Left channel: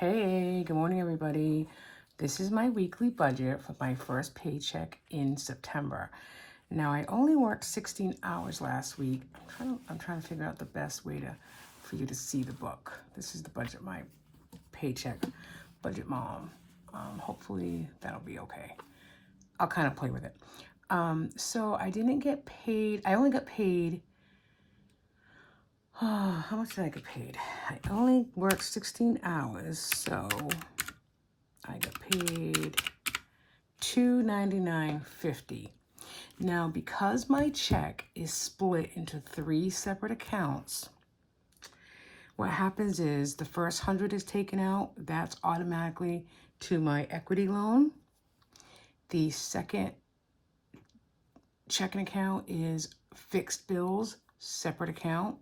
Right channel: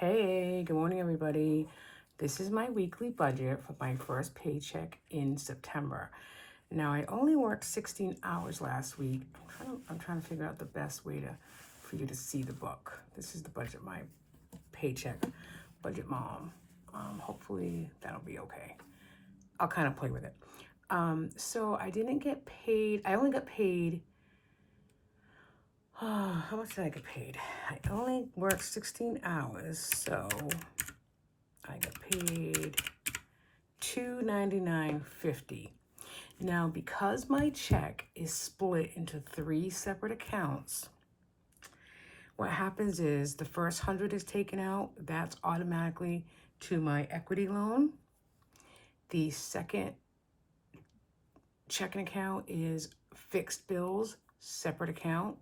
Hey, good morning, everybody. This is my weekly budget for my first paycheck in September. Now, I only worked 16 hours last week. I'm trying to figure out the best way for you to see the book. This is the budget, my paycheck budget mom. Hopefully, that'll be okay. I'll kind of play with it. So I didn't get paid. I only got paid. How much did I get paid? I only worked 16 hours, so I got paid $299.50. Now, because my check is split into three separate accounts, what happens is the first 100 is taken out. That's automatically to my equity loan. The second checking account is fixed bills, separate account.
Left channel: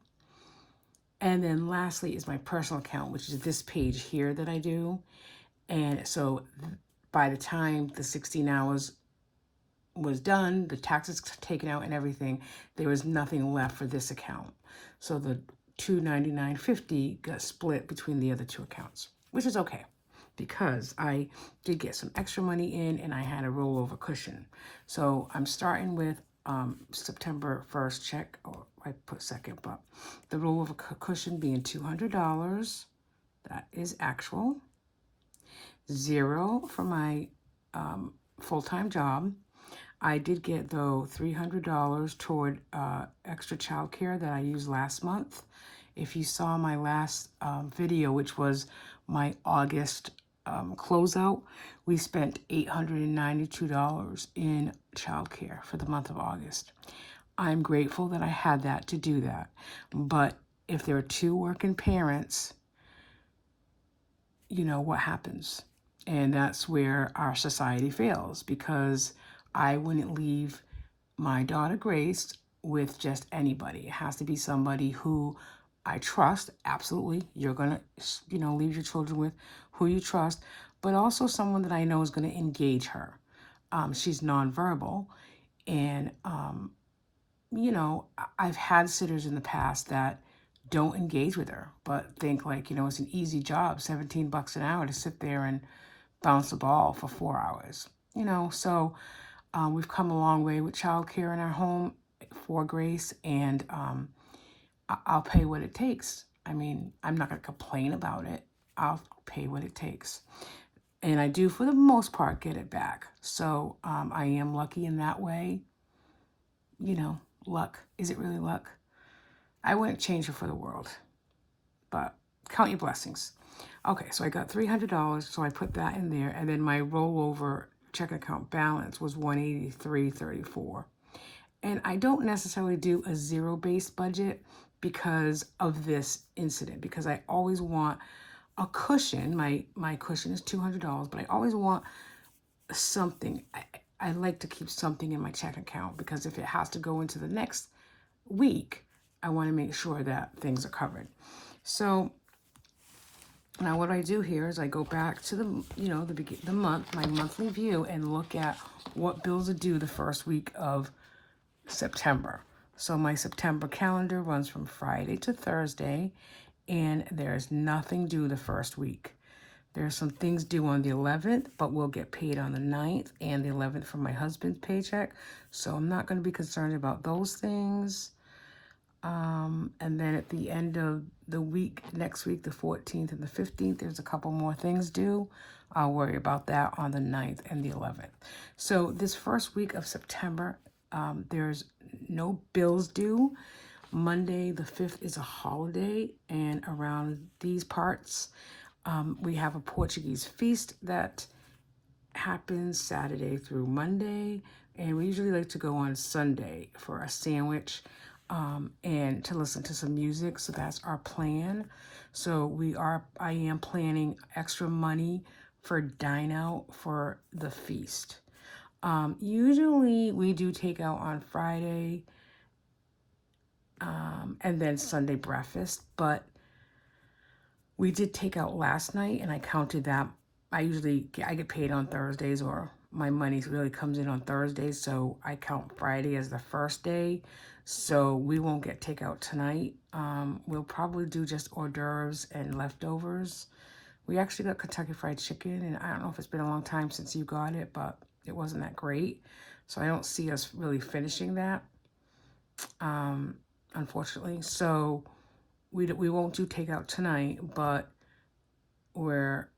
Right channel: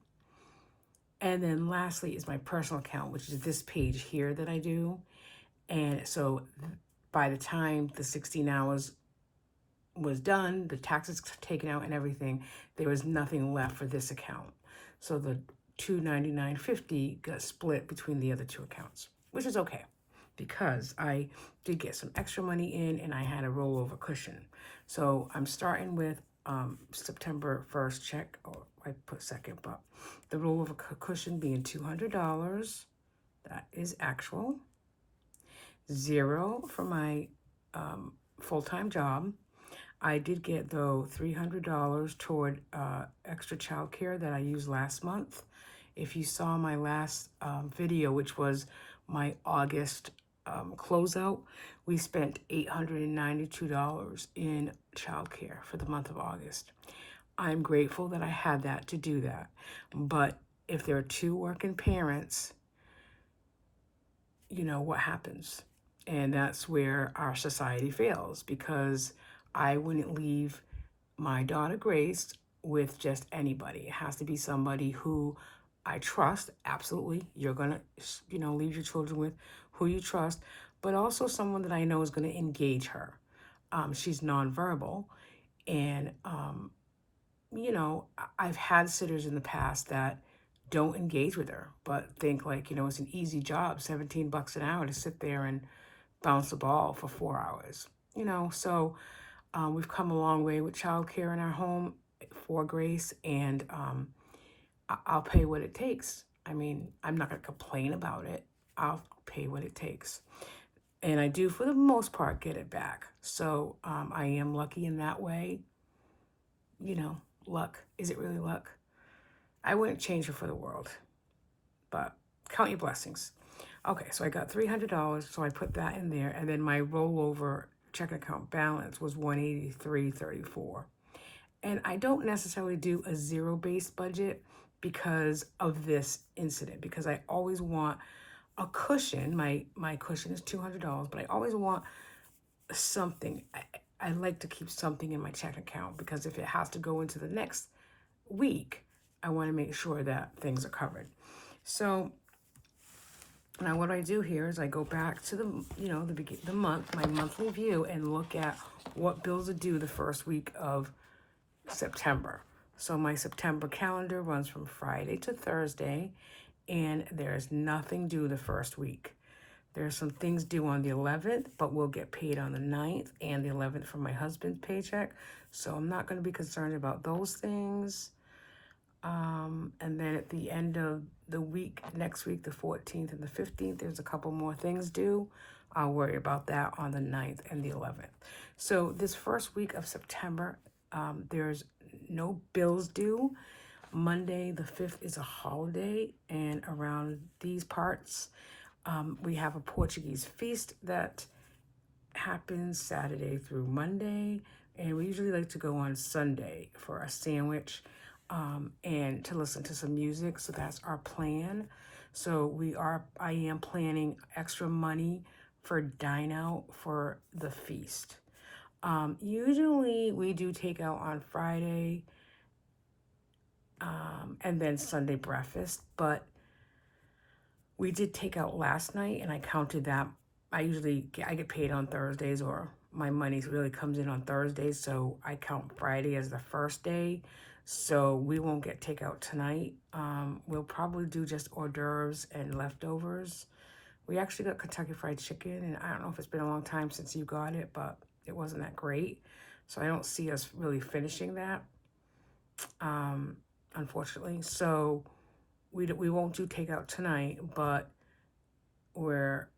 And then lastly is my personal account, which is this page here that I do. And so by the time the 16 hours was done, the taxes taken out and everything, there was nothing left for this account. So the $299.50 got split between the other two accounts, which is okay because I did get some extra money in and I had a rollover cushion. So I'm starting with September 1st check, or I put second, but the rollover cushion being $200. That is actual. Zero for my full-time job. I did get, though, $300 toward extra childcare that I used last month. If you saw my last video, which was my August closeout, we spent $892 in childcare for the month of August. I'm grateful that I had that to do that. But if there are two working parents, you know what happens. And that's where our society fails, because I wouldn't leave my daughter Grace with just anybody. It has to be somebody who I trust. Absolutely. You're going to, leave your children with who you trust, but also someone that I know is going to engage her. She's nonverbal. And, I've had sitters in the past that don't engage with her, but think like, it's an easy job, 17 bucks an hour to sit there and bounce the ball for 4 hours. So we've come a long way with childcare in our home for Grace, and I'll pay what it takes. I mean, I'm not going to complain about it. I'll pay what it takes. And I do, for the most part, get it back. So I am lucky in that way. Luck. Is it really luck? I wouldn't change it for the world. But count your blessings. Okay, so I got $300, so I put that in there, and then my rollover checking account balance was $183.34. And I don't necessarily do a zero-based budget because of this incident, because I always want a cushion. My cushion is $200, but I always want something. I like to keep something in my checking account, because if it has to go into the next week, I want to make sure that things are covered. So now what I do here is I go back to the month, my monthly view, and look at what bills are due the first week of September. So my September calendar runs from Friday to Thursday, and there's nothing due the first week. There's some things due on the 11th, but we'll get paid on the 9th and the 11th from my husband's paycheck. So I'm not going to be concerned about those things. And then at the end of the week, next week, the 14th and the 15th, there's a couple more things due. I'll worry about that on the 9th and the 11th. So this first week of September, there's no bills due. Monday the 5th is a holiday, and around these parts, we have a Portuguese feast that happens Saturday through Monday, and we usually like to go on Sunday for a sandwich and to listen to some music. So that's our plan. So I am planning extra money for dine out for the feast. Usually we do take out on Friday and then Sunday breakfast, but we did take out last night, and I counted that. I get paid on Thursdays, or my money really comes in on Thursdays, so I count Friday as the first day. So we won't get takeout tonight. We'll probably do just hors d'oeuvres and leftovers We actually got Kentucky Fried Chicken, and I don't know if it's been a long time since you got it, but it wasn't that great. So I don't see us really finishing that, unfortunately. So we won't do takeout tonight, but we're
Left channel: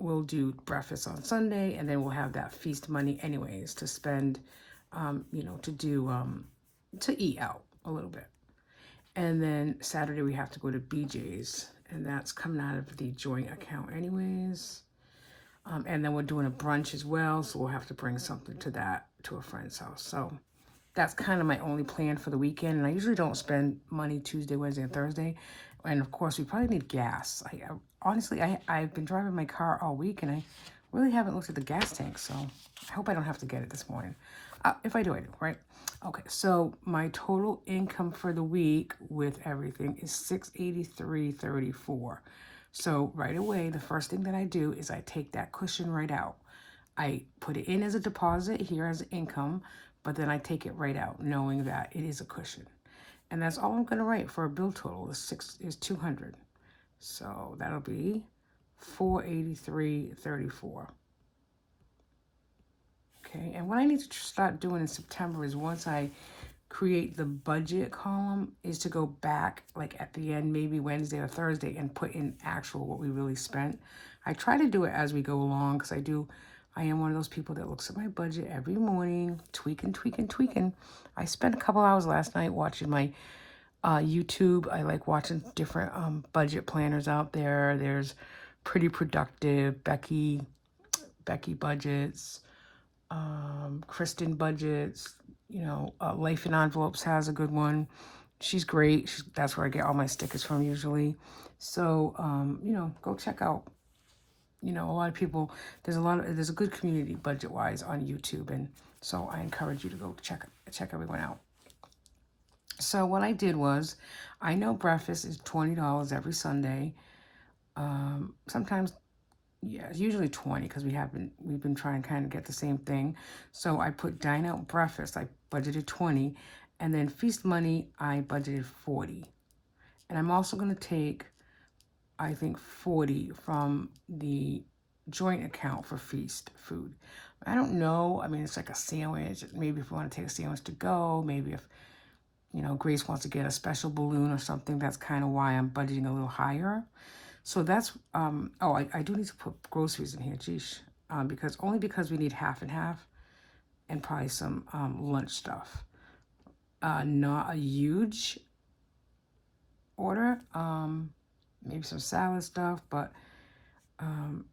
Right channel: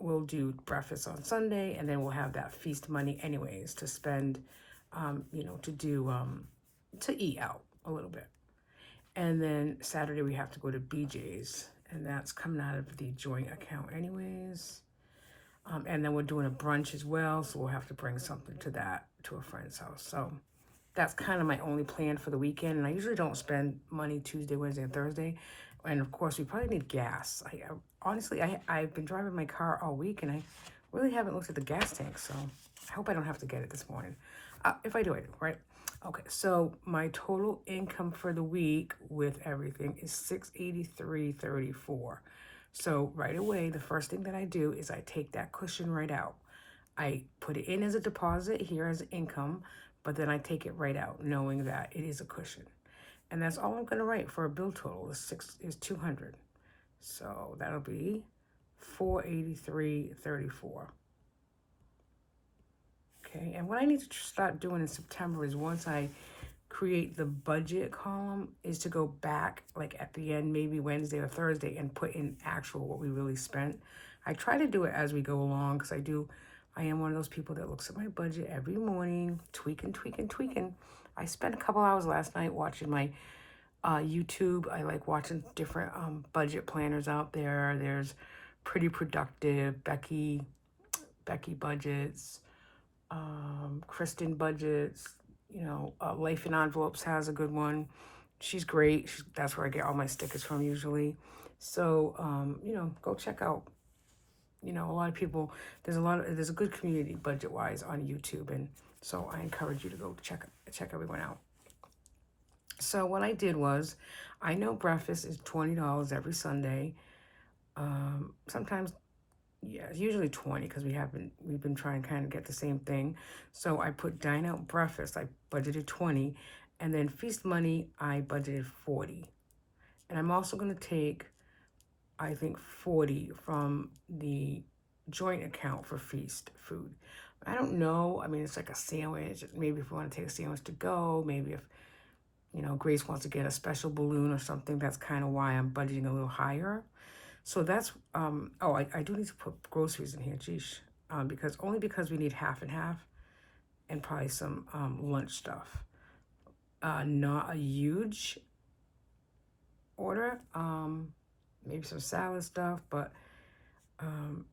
we'll do breakfast on Sunday, and then we'll have that feast money anyways to spend, to do to eat out a little bit. And then Saturday we have to go to BJ's, and that's coming out of the joint account anyways. And then we're doing a brunch as well, so we'll have to bring something to a friend's house. So that's kind of my only plan for the weekend. And I usually don't spend money Tuesday, Wednesday, and Thursday. And of course, we probably need gas. Honestly, I've been driving my car all week, and I really haven't looked at the gas tank. So I hope I don't have to get it this morning. If I do, I do, right? Okay, so my total income for the week with everything is $683.34. So right away, the first thing that I do is I take that cushion right out. I put it in as a deposit here as income, but then I take it right out, knowing that it is a cushion. And that's all I'm gonna write for a bill total is 200. So that'll be 483.34. Okay, and what I need to start doing in September is once I create the budget column is to go back like at the end, maybe Wednesday or Thursday, and put in actual what we really spent. I try to do it as we go along because I am one of those people that looks at my budget every morning, tweaking. I spent a couple hours last night watching my YouTube. I like watching different budget planners out there. There's Pretty Productive, Becky Budgets, Kristen Budgets, Life in Envelopes has a good one. She's great. That's where I get all my stickers from usually. So, go check out. A lot of people, there's a good community budget-wise on YouTube. And so I encourage you to go check everyone out. So what I did was, I know breakfast is $20 every Sunday. Sometimes, yeah, it's usually 20 because we've been trying to kind of get the same thing. So I put dine out breakfast, I budgeted 20, and then feast money, I budgeted 40. And I'm also going to take, I think, 40 from the joint account for feast food. I don't know. I mean, it's like a sandwich. Maybe if you want to take a sandwich to go, maybe if Grace wants to get a special balloon or something, that's kind of why I'm budgeting a little higher. So that's, I do need to put groceries in here, geez, because we need half and half and probably some lunch stuff. Not a huge order, maybe some salad stuff, but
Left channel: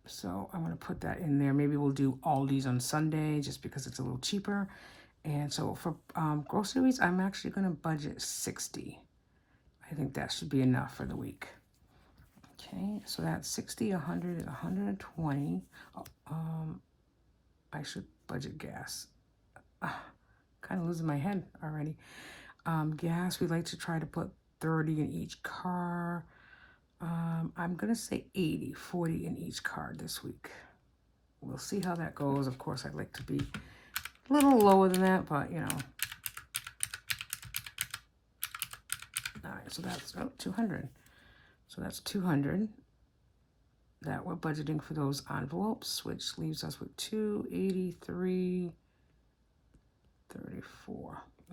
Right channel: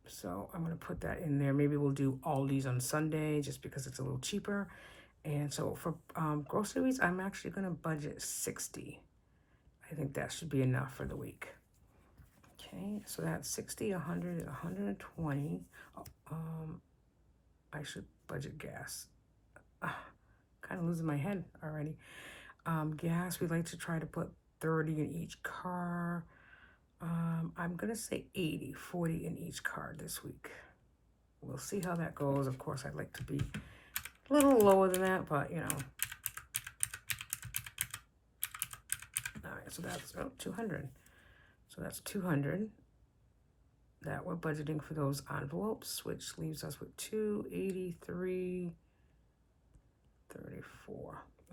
so I'm going to put that in there. Maybe we'll do Aldi's on Sunday just because it's a little cheaper. And so for groceries, I'm actually going to budget 60. I think that should be enough for the week. Okay, so that's 60, 100, and 120. I should budget gas. Kind of losing my head already. Gas, we like to try to put 30 in each car. I'm going to say 80, 40 in each car this week. We'll see how that goes. Of course, I'd like to be a little lower than that, but All right, so that's 200. So that's 200 that we're budgeting for those envelopes, which leaves us with 283.34.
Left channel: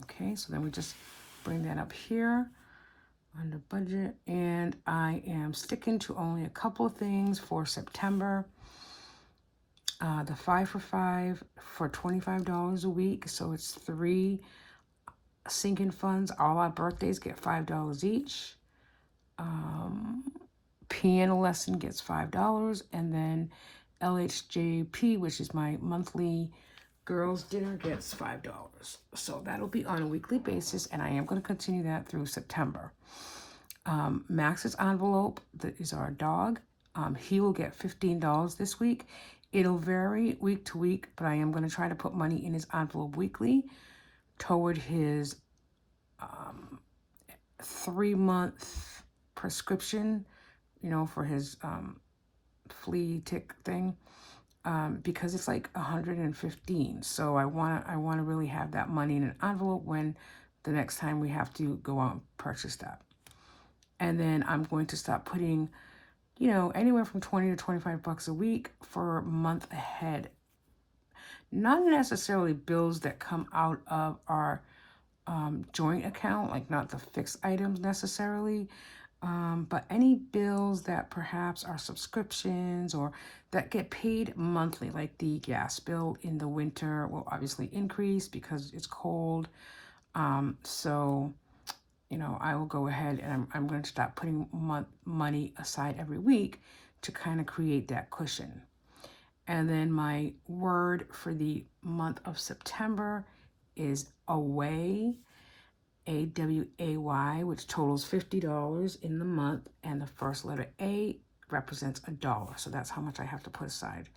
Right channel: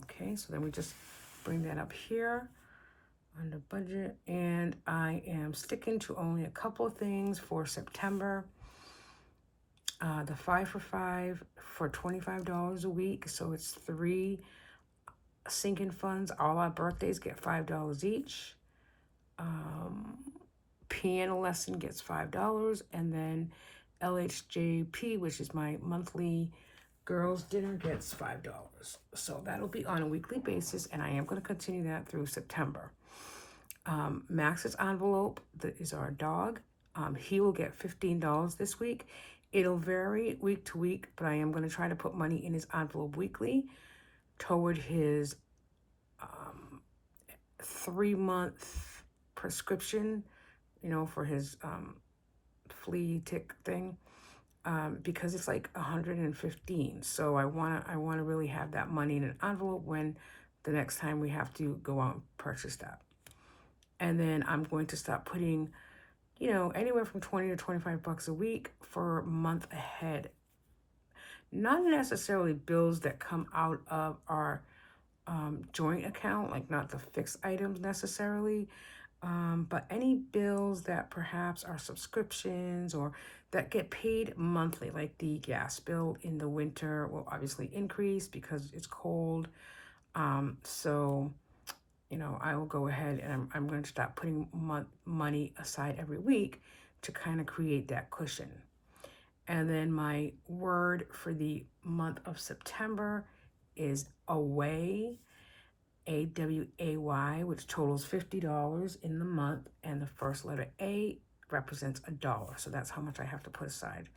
Okay, so then we just bring that up here under budget, and I am sticking to only a couple of things for September. The 5 for 5 for $25 a week, so it's 3 sinking funds. All our birthdays get $5 each. Piano lesson gets $5, and then LHJP, which is my monthly girls dinner, gets $5. So that'll be on a weekly basis, and I am going to continue that through September. Max's envelope, that is our dog. He will get $15 this week. It'll vary week to week, but I am going to try to put money in his envelope weekly toward his 3-month prescription, for his flea tick thing, because it's like 115. So I want to really have that money in an envelope when the next time we have to go out and purchase that. And then I'm going to stop putting anywhere from 20 to 25 bucks a week for a month ahead. Not necessarily bills that come out of our joint account, like not the fixed items necessarily, but any bills that perhaps are subscriptions or that get paid monthly, like the gas bill in the winter will obviously increase because it's cold. So, I will go ahead and I'm going to start putting money aside every week to kind of create that cushion. And then my word for the month of September is away, AWAY, which totals $50 in the month, and the first letter A represents $1. So that's how much I have to put aside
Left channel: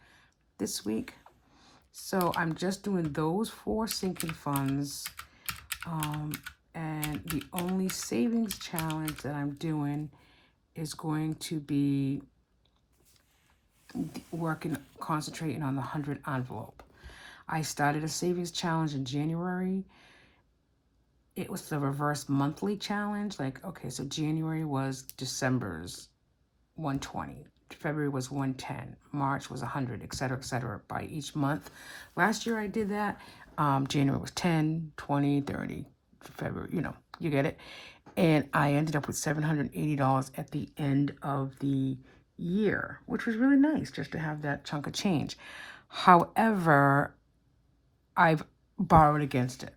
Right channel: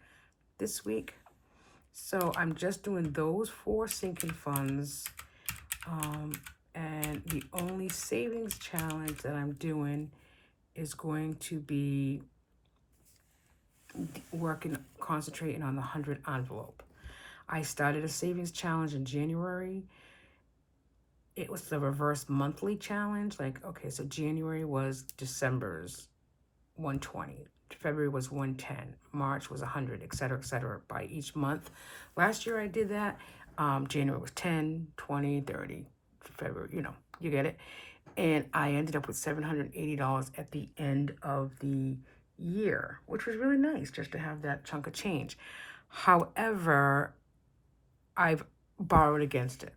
this week. So I'm just doing those 4 sinking funds. And the only savings challenge that I'm doing is going to be concentrating on the 100 envelope. I started a savings challenge in January. It was the reverse monthly challenge. Okay, so January was December's 120. February was 110. March was 100, etc., by each month. Last year I did that. January was 10, 20, 30. February, you get it. And I ended up with $780 at the end of the year, which was really nice just to have that chunk of change. However, I've borrowed against it.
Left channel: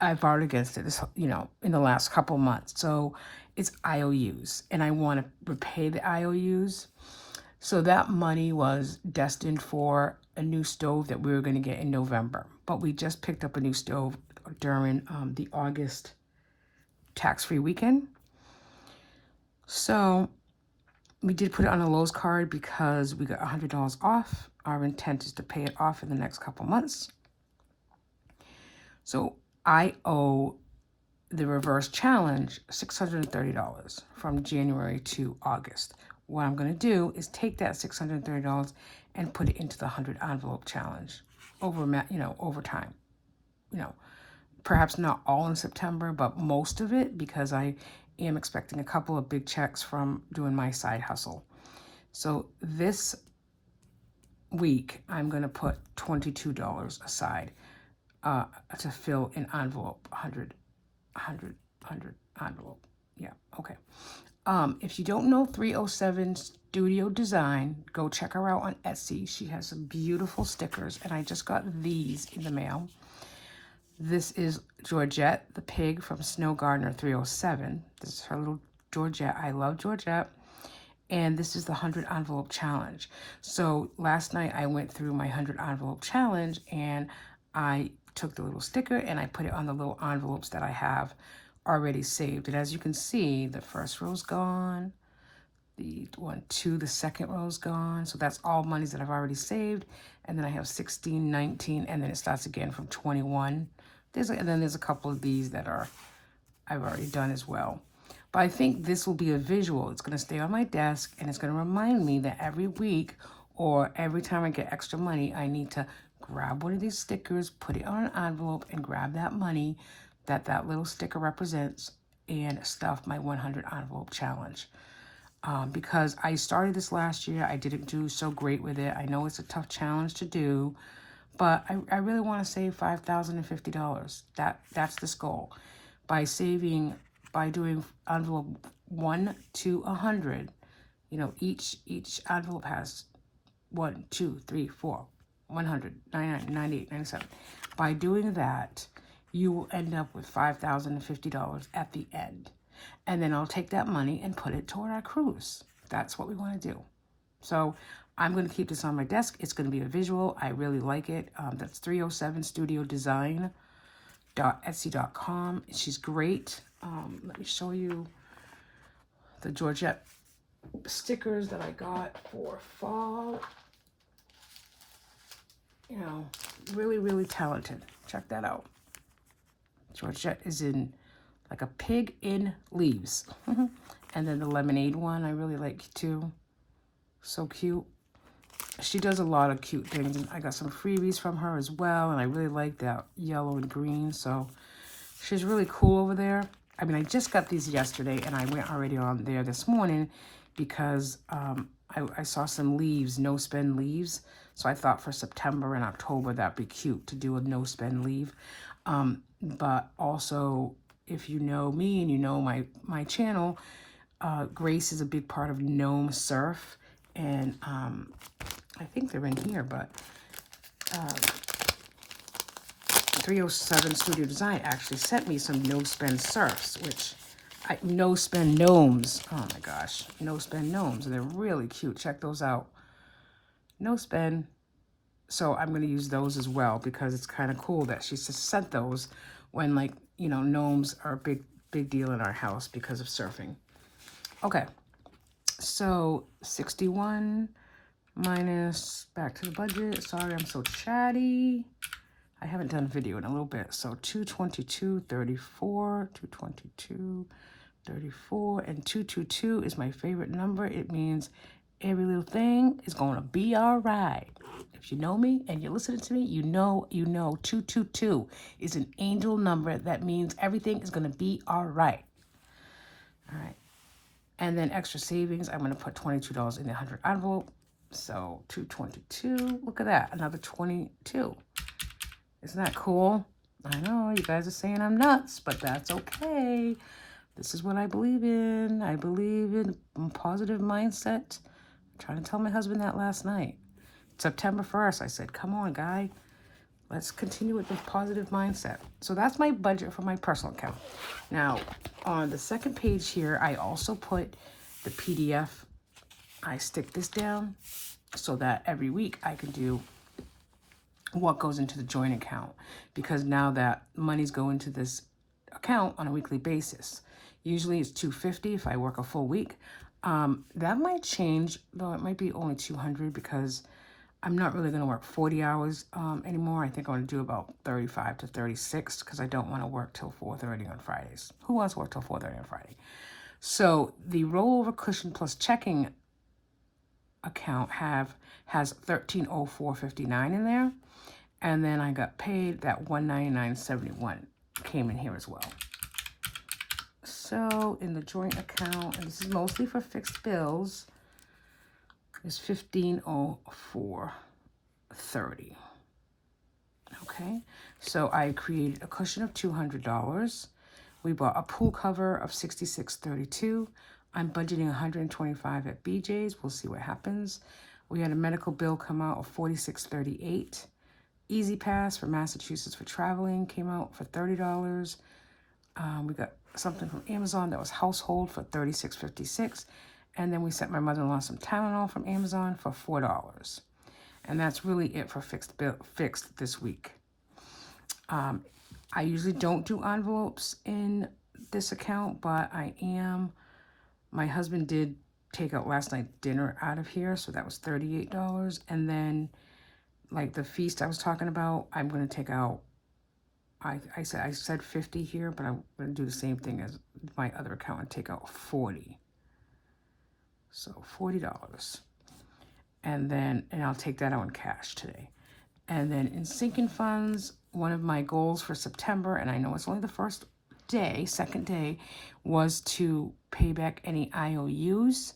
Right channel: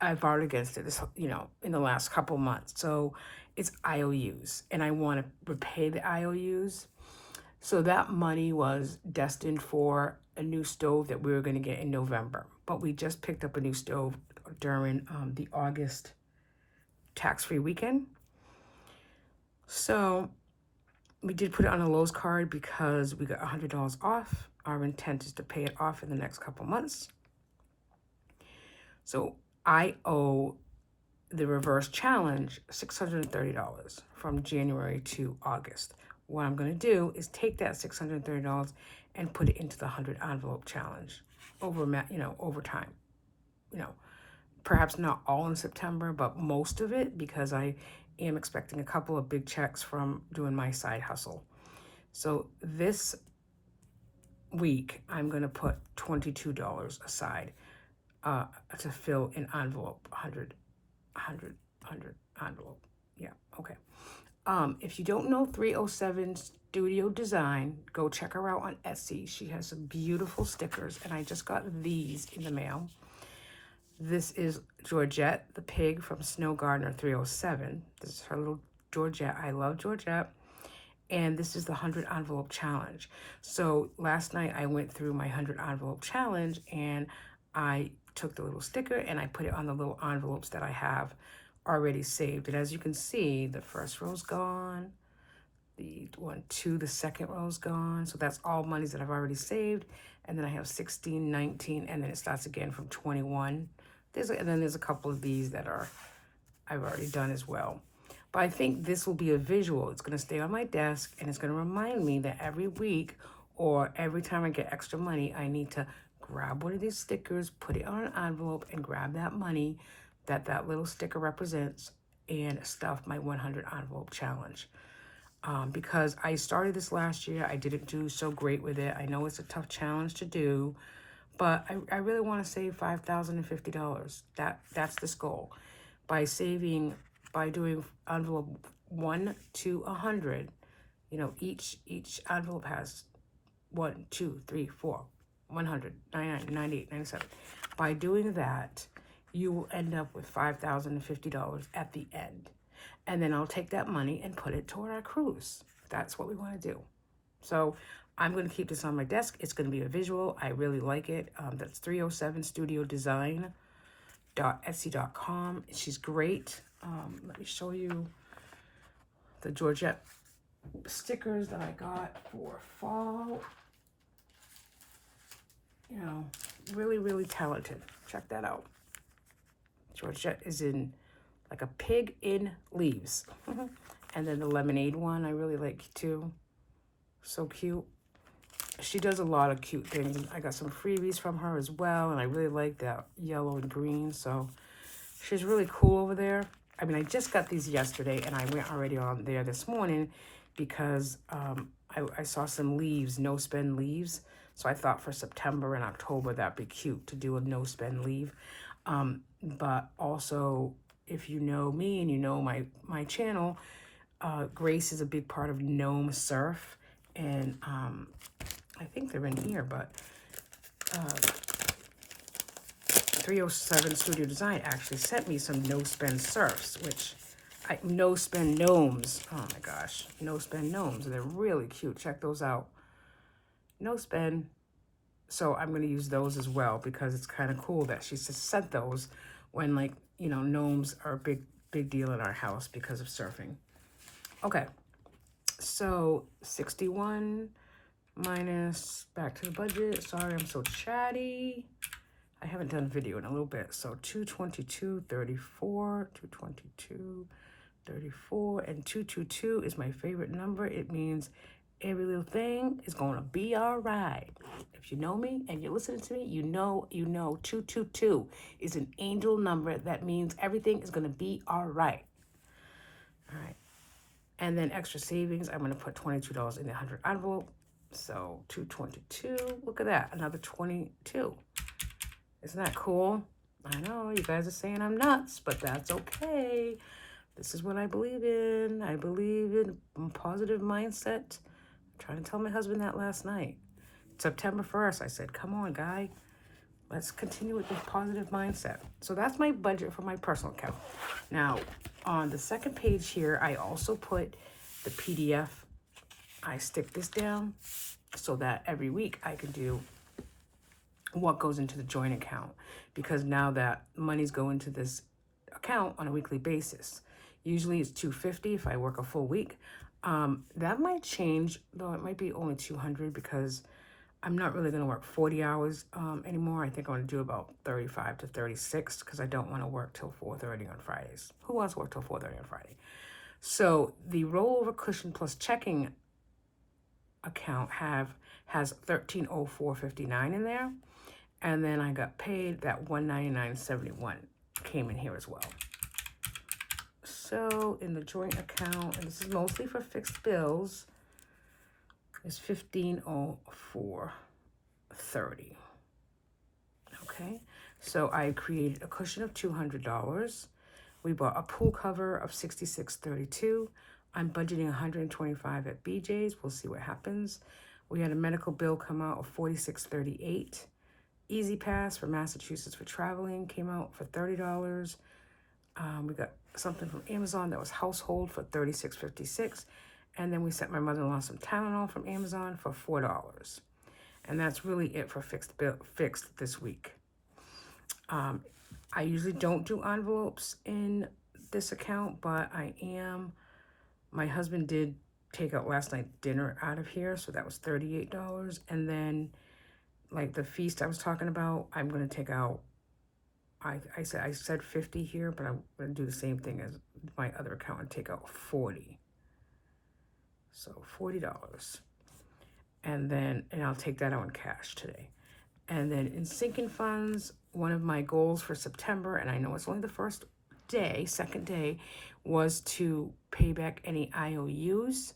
This, in the last couple months. So it's IOUs, and I want to repay the IOUs. So that money was destined for a new stove that we were going to get in November. But we just picked up a new stove during the August tax-free weekend. So we did put it on a Lowe's card because we got $100 off. Our intent is to pay it off in the next couple months. So I owe the reverse challenge $630 from January to August. What I'm going to do is take that $630 and put it into the 100 envelope challenge over time. Perhaps not all in September, but most of it, because I am expecting a couple of big checks from doing my side hustle. So this week, I'm going to put $22 aside to fill an envelope, 100 envelope. Yeah, okay. If you don't know 307 Studio Design, go check her out on Etsy. She has some beautiful stickers, and I just got these in the mail. This is Georgette, the pig from Snow Gardener 307. This is her little Georgette. I love Georgette. And this is the 100 envelope challenge. So last night I went through my 100 envelope challenge, and I took the little sticker and I put it on the little envelopes that I have already saved. And as you can see, the first row's gone. The second row's gone. So that's all monies that I've already saved. And then I have 16, 19, and then it starts again from 21. And then there's a couple of these that I've already done as well. But I think this will be a visual. It's going to stay on my desk, and it's going to remind me that every week or every time I get extra money, I need to grab one of these stickers, put it on an envelope, and grab that money that little sticker represents and stuff my 100 envelope challenge. Because I started this last year, I didn't do so great with it. I know it's a tough challenge to do, but I really want to save $5,050. That's this goal. By doing envelope 1 to 100, each envelope has 1, 2, 3, 4, 100, 99, 98, 97. By doing that, you will end up with $5,050 at the end. And then I'll take that money and put it toward our cruise. That's what we want to do. So I'm going to keep this on my desk. It's going to be a visual. I really like it. That's 307 Studio Design. Etsy.com. She's great. Let me show you the Georgette stickers that I got for fall. Really, really talented. Check that out. Georgette is in like a pig in leaves. And then the lemonade one I really like too. So cute. She does a lot of cute things. I got some freebies from her as well, and I really like that yellow and green. So she's really cool over there. I mean, I just got these yesterday, and I went already on there this morning because I saw some leaves, no spend leaves. So I thought for September and October that'd be cute to do a no spend leave. But also, if you know me and you know my channel, Grace is a big part of Gnome Surf, and I think they're in here, but 307 Studio Design actually sent me some no spend surfs, which no spend gnomes. Oh my gosh, no spend gnomes. They're really cute. Check those out. No spend. So I'm going to use those as well because it's kind of cool that she just sent those when, like, you know, gnomes are a big deal in our house because of surfing. Okay, so 61 minus, back to the budget. Sorry, I'm so chatty. I haven't done a video in a little bit. So 222.34, 222.34, and 222 is my favorite number. It means every little thing is going to be all right. If you know me and you're listening to me, you know 222 is an angel number. That means everything is going to be all right. All right. And then extra savings, I'm going to put $22 in the 100 envelope. So 222, look at that, another 22. Isn't that cool? I know, you guys are saying I'm nuts, but that's okay. This is what I believe in. I believe in a positive mindset. I'm trying to tell my husband that last night. September 1st, I said, come on, guy. Let's continue with this positive mindset. So that's my budget for my personal account. Now, on the second page here, I also put the PDF. I stick this down so that every week I can do what goes into the joint account, because now that money's going to this account on a weekly basis. Usually it's $250 if I work a full week. That might change, though. It might be only $200 because I'm not really going to work 40 hours anymore. I think I'm going to do about 35 to 36 because I don't want to work till 4:30 on Fridays. Who wants to work till 4:30 on Friday? So the rollover cushion plus checking account has $1304.59 in there. And then I got paid that $199.71 came in here as well. So in the joint account, and this is mostly for fixed bills, is $1504.30. Okay, so I created a cushion of $200. We bought a pool cover of $66.32. I'm budgeting $125 at BJ's. We'll see what happens. We had a medical bill come out of $46.38. Easy Pass for Massachusetts for traveling came out for $30. We got something from Amazon that was household for $36.56. And then we sent my mother-in-law some Tylenol from Amazon for $4. And that's really it for fixed this week. I usually don't do envelopes in this account, but my husband did take out last night dinner out of here, so that was $38. And then, like the feast I was talking about, I'm going to take out, I said 50 here, but I'm going to do the same thing as my other account and take out 40. So $40. And I'll take that out in cash today. And then in sinking funds, one of my goals for September, and I know it's only the second day, was to pay back any IOUs.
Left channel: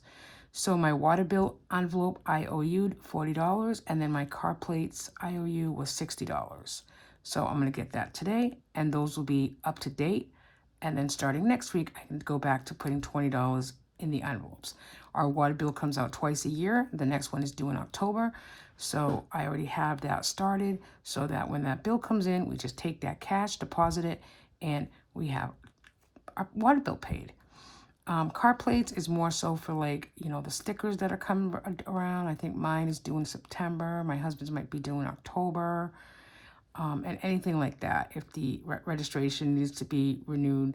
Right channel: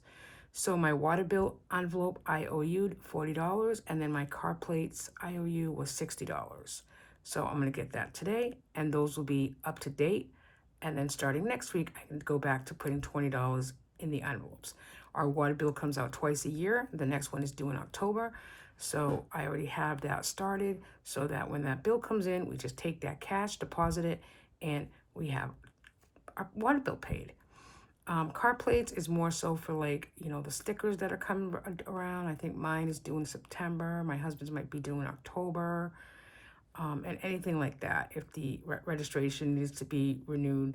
So my water bill envelope IOU'd $40, and then my car plates IOU was $60. So I'm going to get that today, and those will be up to date. And then starting next week, I can go back to putting $20 in the envelopes. Our water bill comes out twice a year. The next one is due in October. So I already have that started so that when that bill comes in, we just take that cash, deposit it, and we have our water bill paid. Car plates is more so for, like, you know, the stickers that are coming around. I think mine is due in September. My husband's might be due in October. And anything like that. If the registration needs to be renewed,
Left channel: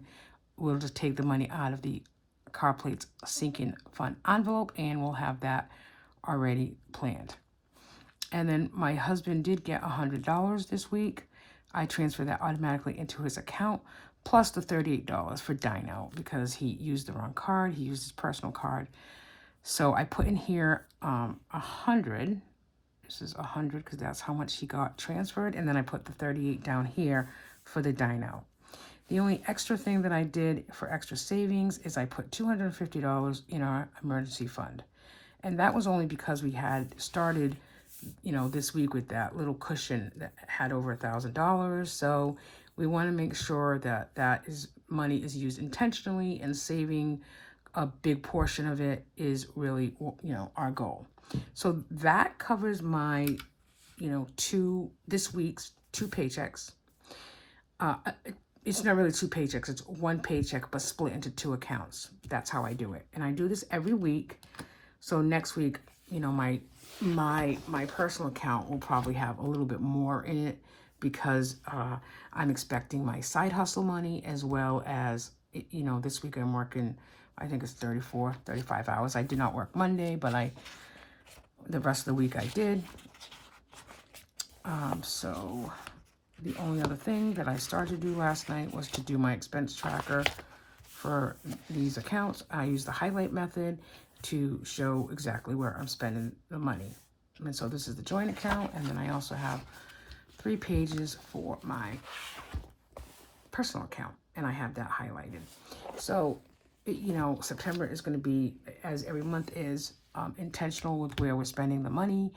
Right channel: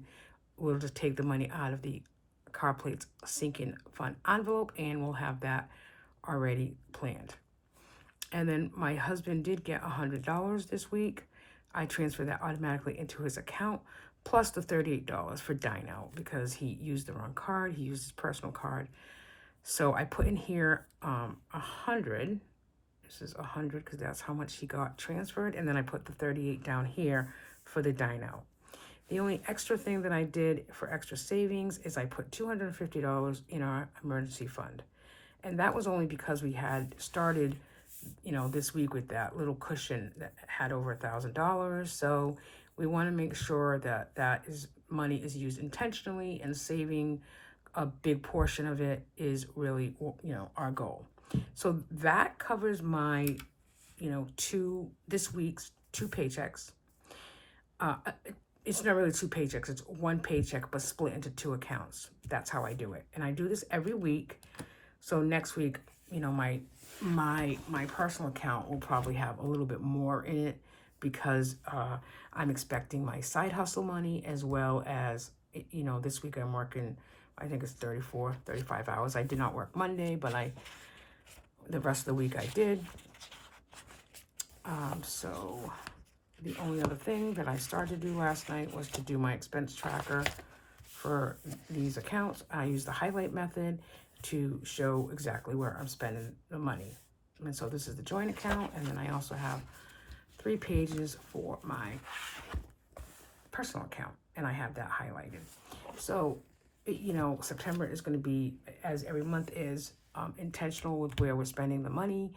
we'll just take the money out of the car plates sinking fund envelope, and we'll have that already planned. And then my husband did get $100 this week. I transferred that automatically into his account, plus the $38 for dine out because he used the wrong card. He used his personal card. So I put in here $100. This is $100 because that's how much he got transferred. And then I put the $38 down here for the dine out. The only extra thing that I did for extra savings is I put $250 in our emergency fund. And that was only because we had started, this week with that little cushion that had over $1,000. So we want to make sure that money is used intentionally, and saving a big portion of it is really, our goal. So that covers my, this week's two paychecks. It's not really two paychecks, it's one paycheck but split into two accounts. That's how I do it. And I do this every week. So next week, my personal account will probably have a little bit more in it, because I'm expecting my side hustle money, as well as, this week I'm working, I think it's 35 hours. I did not work Monday, but the rest of the week I did. So the only other thing that I started to do last night was to do my expense tracker for these accounts. I use the highlight method to show exactly where I'm spending the money. And so this is the joint account, and then I also have 3 pages for my personal account, and I have that highlighted. So, September is going to be, as every month is, intentional with where we're spending the money,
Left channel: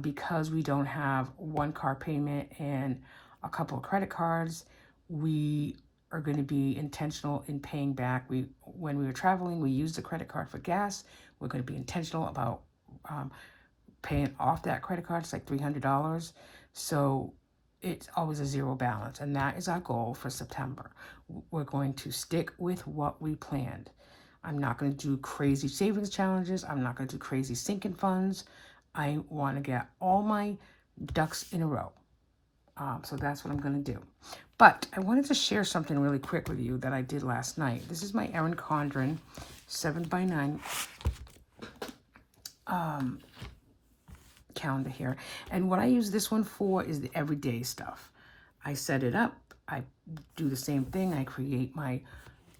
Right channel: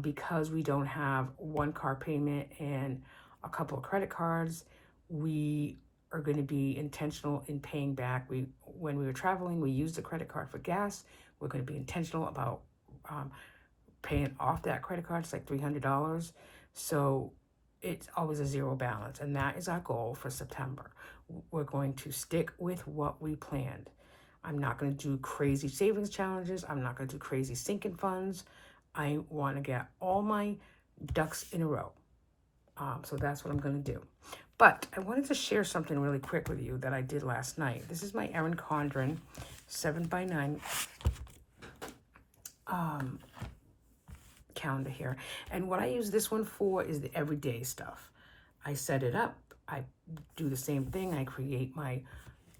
because we don't have one car payment and a couple of credit cards. We are going to be intentional in paying back. When we were traveling, we used the credit card for gas. We're going to be intentional about paying off that credit card. It's like $300. So it's always a zero balance, and that is our goal for September. We're going to stick with what we planned. I'm not going to do crazy savings challenges. I'm not going to do crazy sinking funds. I want to get all my ducks in a row. So that's what I'm going to do. But I wanted to share something really quick with you that I did last night. This is my Erin Condren 7x9 calendar here. And what I use this one for is the everyday stuff. I set it up. I do the same thing. I create my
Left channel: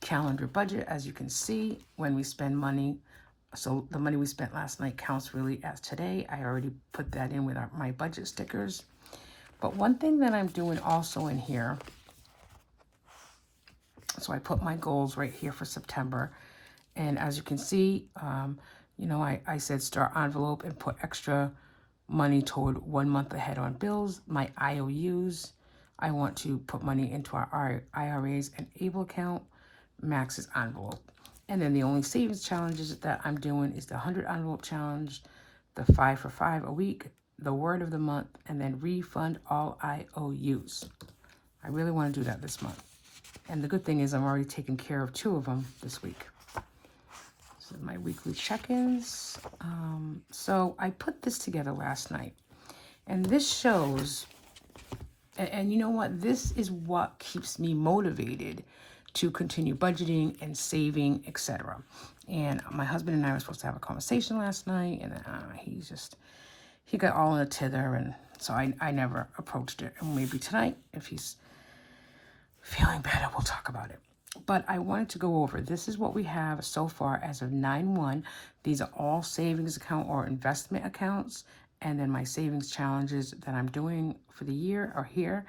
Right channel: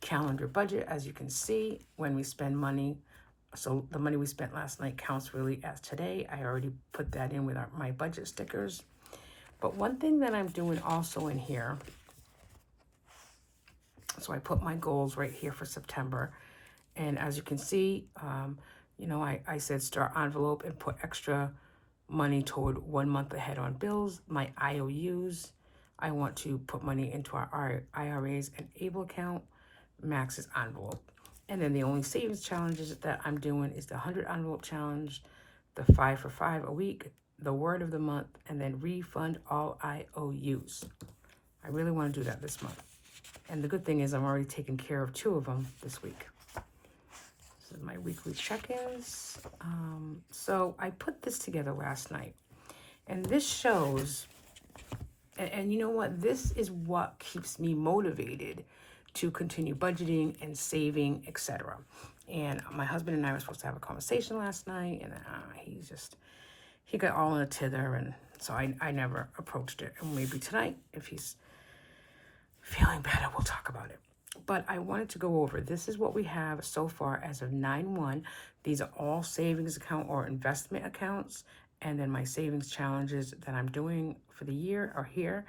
calendar budget, as you can see, when we spend money. So the money we spent last night counts really as today. I already put that in with my budget stickers. But one thing that I'm doing also in here, so I put my goals right here for September. And as you can see, I said start envelope and put extra money toward 1 month ahead on bills. My IOUs, I want to put money into our IRAs and ABLE account. Max's envelope. And then the only savings challenges that I'm doing is the 100 envelope challenge, the 5 for 5 a week, the word of the month, and then refund all IOUs. I really want to do that this month. And the good thing is I'm already taking care of 2 of them this week. So my weekly check-ins. So I put this together last night. And this shows, and you know what? This is what keeps me motivated to continue budgeting and saving, etc. And my husband and I were supposed to have a conversation last night, and he got all in a tither, and so I never approached it. And maybe tonight, if he's feeling better, we'll talk about it. But I wanted to go over, this is what we have so far as of 9/1. These are all savings account or investment accounts, and then my savings challenges that I'm doing for the year are here,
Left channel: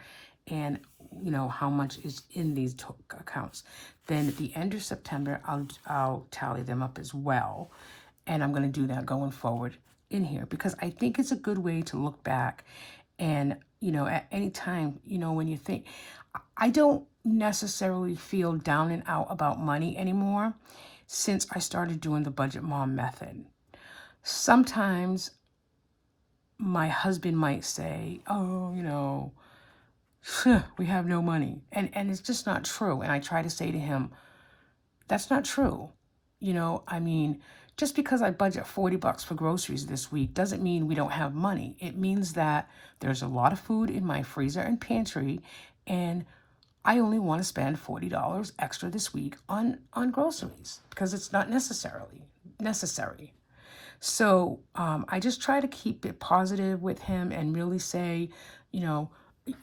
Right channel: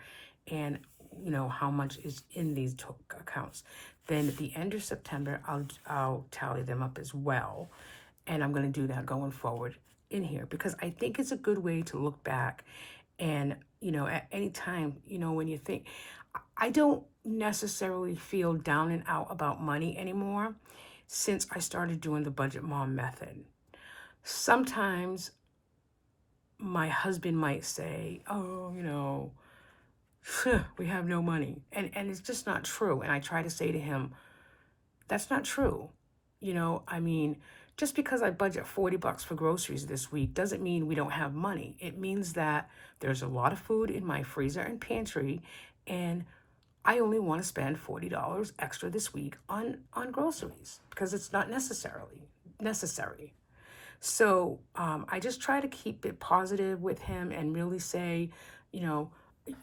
and how much is in these accounts. Then at the end of September, I'll tally them up as well. And I'm going to do that going forward in here, because I think it's a good way to look back. And, at any time, when you think, I don't necessarily feel down and out about money anymore since I started doing the Budget Mom method. Sometimes my husband might say, oh, we have no money. And it's just not true. And I try to say to him, that's not true. Just because I budget $40 for groceries this week doesn't mean we don't have money. It means that there's a lot of food in my freezer and pantry, and I only want to spend $40 extra this week on groceries because it's not necessary. So I just try to keep it positive with him and really say,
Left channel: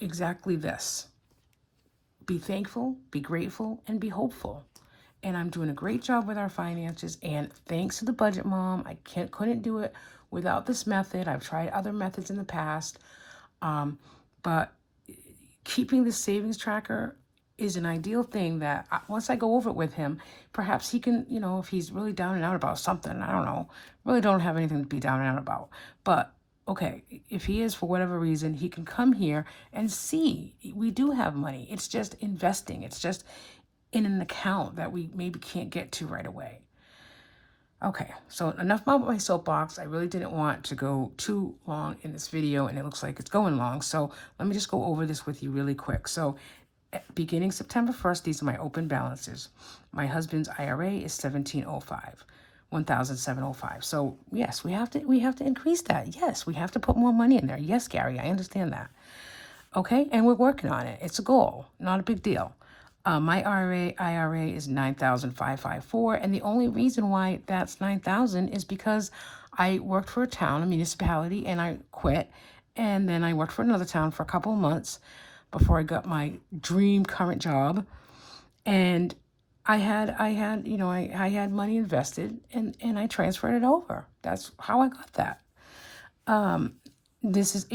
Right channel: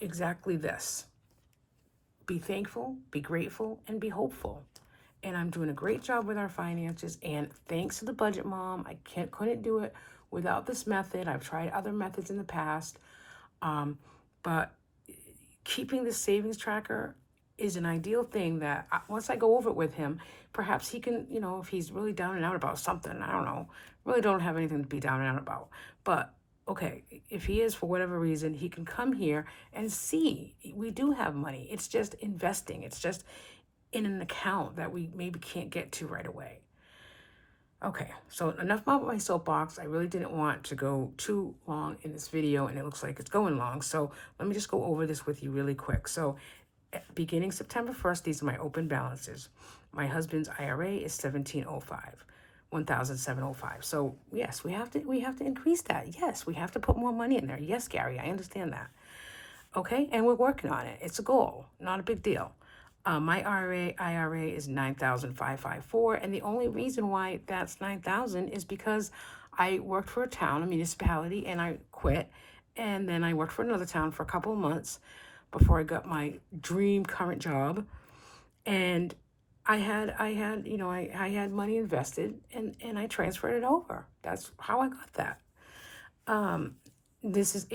exactly this. Be thankful, be grateful, and be hopeful. And I'm doing a great job with our finances, and thanks to the Budget Mom, I couldn't do it without this method. I've tried other methods in the past, but keeping the savings tracker is an ideal thing that once I go over it with him, perhaps he can, if he's really down and out about something, I don't know, really don't have anything to be down and out about. But okay, if he is for whatever reason, he can come here and see we do have money. It's just investing, it's just in an account that we maybe can't get to right away. Okay, so enough about my soapbox. I really didn't want to go too long in this video, and it looks like it's going long. So let me just go over this with you really quick. So beginning September 1st, these are my open balances. My husband's IRA is 1705, 1705. So yes, we have to increase that. Yes, we have to put more money in there. Yes, Gary, I understand that. Okay, and we're working on it. It's a goal, not a big deal. My IRA is 9,554, and the only reason why that's 9,000 is because I worked for a town, a municipality, and I quit, and then I worked for another town for a couple of months before I got my dream current job, and I had money invested, and I transferred it over. That's how I got that. This is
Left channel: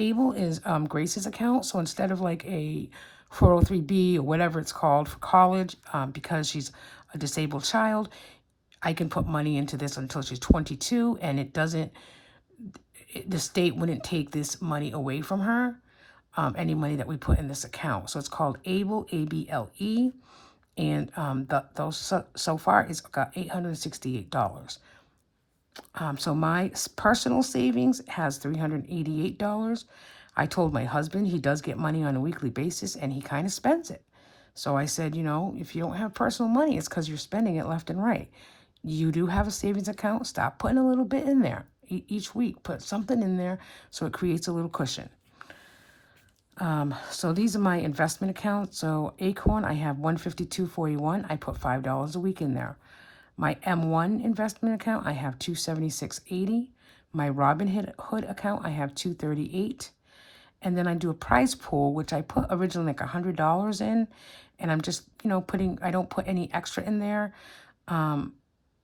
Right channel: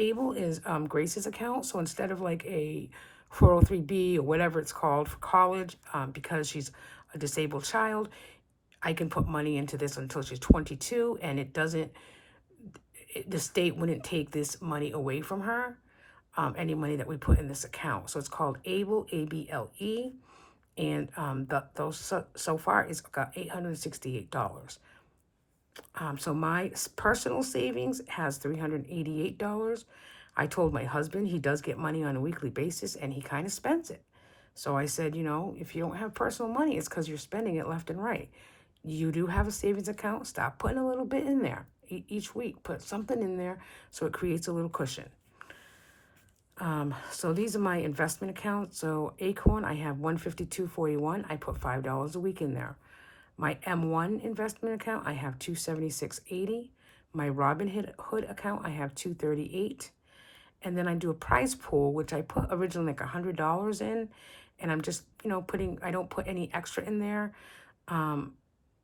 Grace's account. So instead of like a 403B or whatever it's called for college, because she's a disabled child, I can put money into this until she's 22, and the state wouldn't take this money away from her, any money that we put in this account. So it's called ABLE, ABLE, and so far it's got $868. So my personal savings has $388. I told my husband he does get money on a weekly basis, and he kind of spends it. So I said, if you don't have personal money, it's because you're spending it left and right. You do have a savings account. Stop putting a little bit in there each week. Put something in there so it creates a little cushion. So these are my investment accounts. So Acorn, I have $152.41. I put $5 a week in there. My M1 investment account, I have $276.80. My Robinhood account, I have $238. And then I do a prize pool, which I put originally like $100 in, and I'm just, I don't put any extra in there.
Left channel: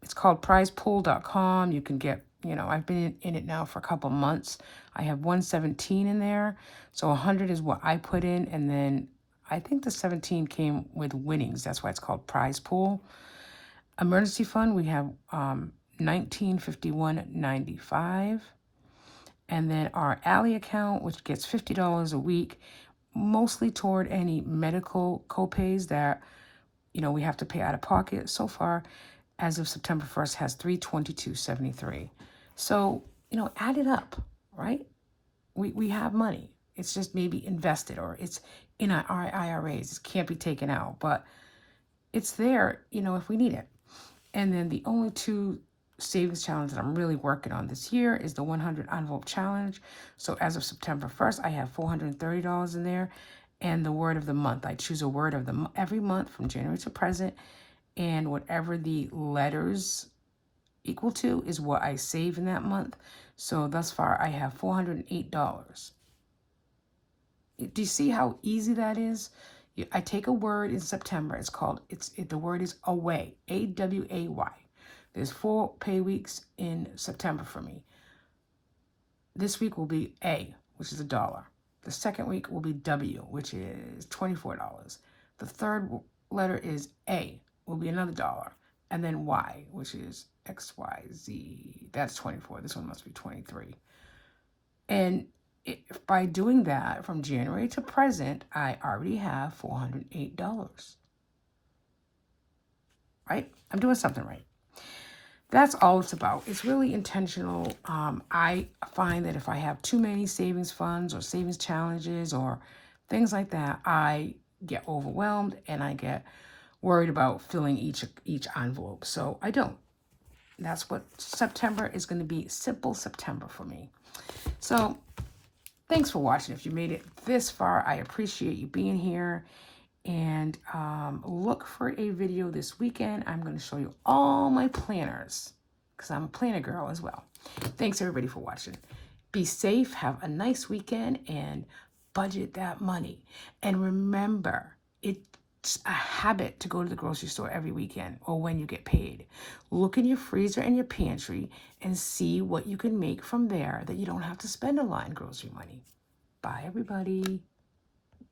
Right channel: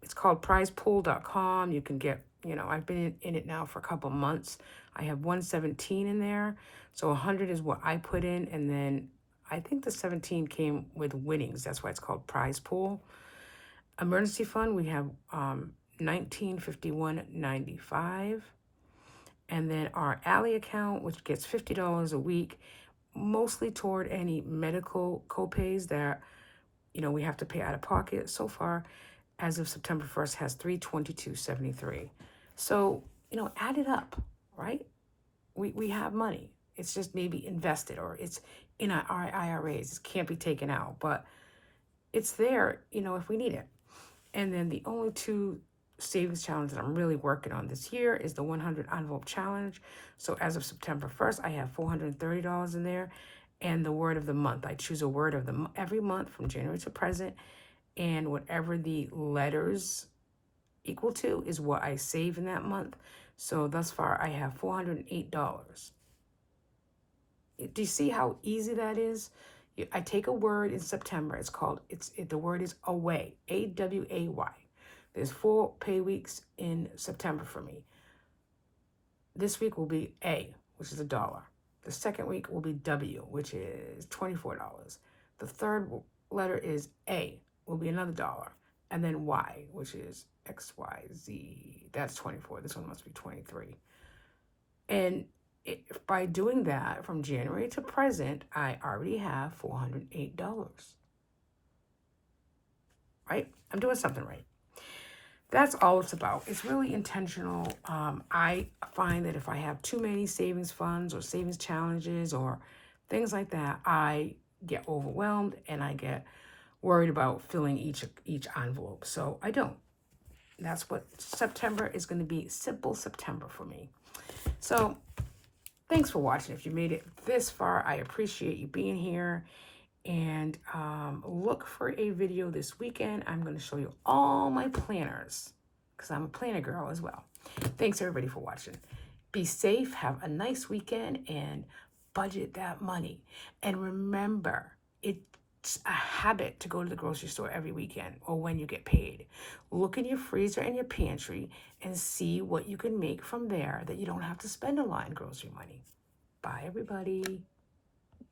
It's called prizepool.com. You can get, I've been in it now for a couple months. I have 117 in there. So 100 is what I put in, and then I think the 17 came with winnings. That's why it's called prize pool. Emergency fund, we have 1951.95, and then our Ally account, which gets $50 a week, mostly toward any medical copays that we have to pay out of pocket. So far, as of September 1st, has $322.73. So add it up, right? We have money. It's just maybe invested, or it's in our IRAs. It can't be taken out, but it's there, if we need it. And then the only two savings challenge that I'm really working on this year is the 100 envelope challenge. So as of September 1st, I have $430 in there. And the word of the month, I choose a word of the every month from January to present, and whatever the letters equal to is what I save in that month. So thus far, I have $408. Do you see how easy that is? I take a word in September. The word is away, AWAY. There's 4 pay weeks in September for me. This week will be A, which is $1. The second week will be W, which is $24. The third letter is A, will be another $1. And then Y, which is XYZ. That's 24. This one must be 23. And by doing that from January to present, I already have $408. Right? I'm doing something right. That's all it's about. It's really intentional. I find that if I have too many savings funds or savings challenges or things like that, I get overwhelmed and I get worried about filling each envelope. So I don't. That's what September is going to be. Simple September for me. So thanks for watching. If you made it this far, I appreciate you being here. And look for a video this weekend. I'm going to show you all my planners because I'm a planner girl as well. Thanks everybody for watching. Be safe, have a nice weekend, and budget that money. And remember, it's a habit to go to the grocery store every weekend or when you get paid. Look in your freezer and your pantry and see what you can make from there that you don't have to spend a lot in grocery money. Bye, everybody.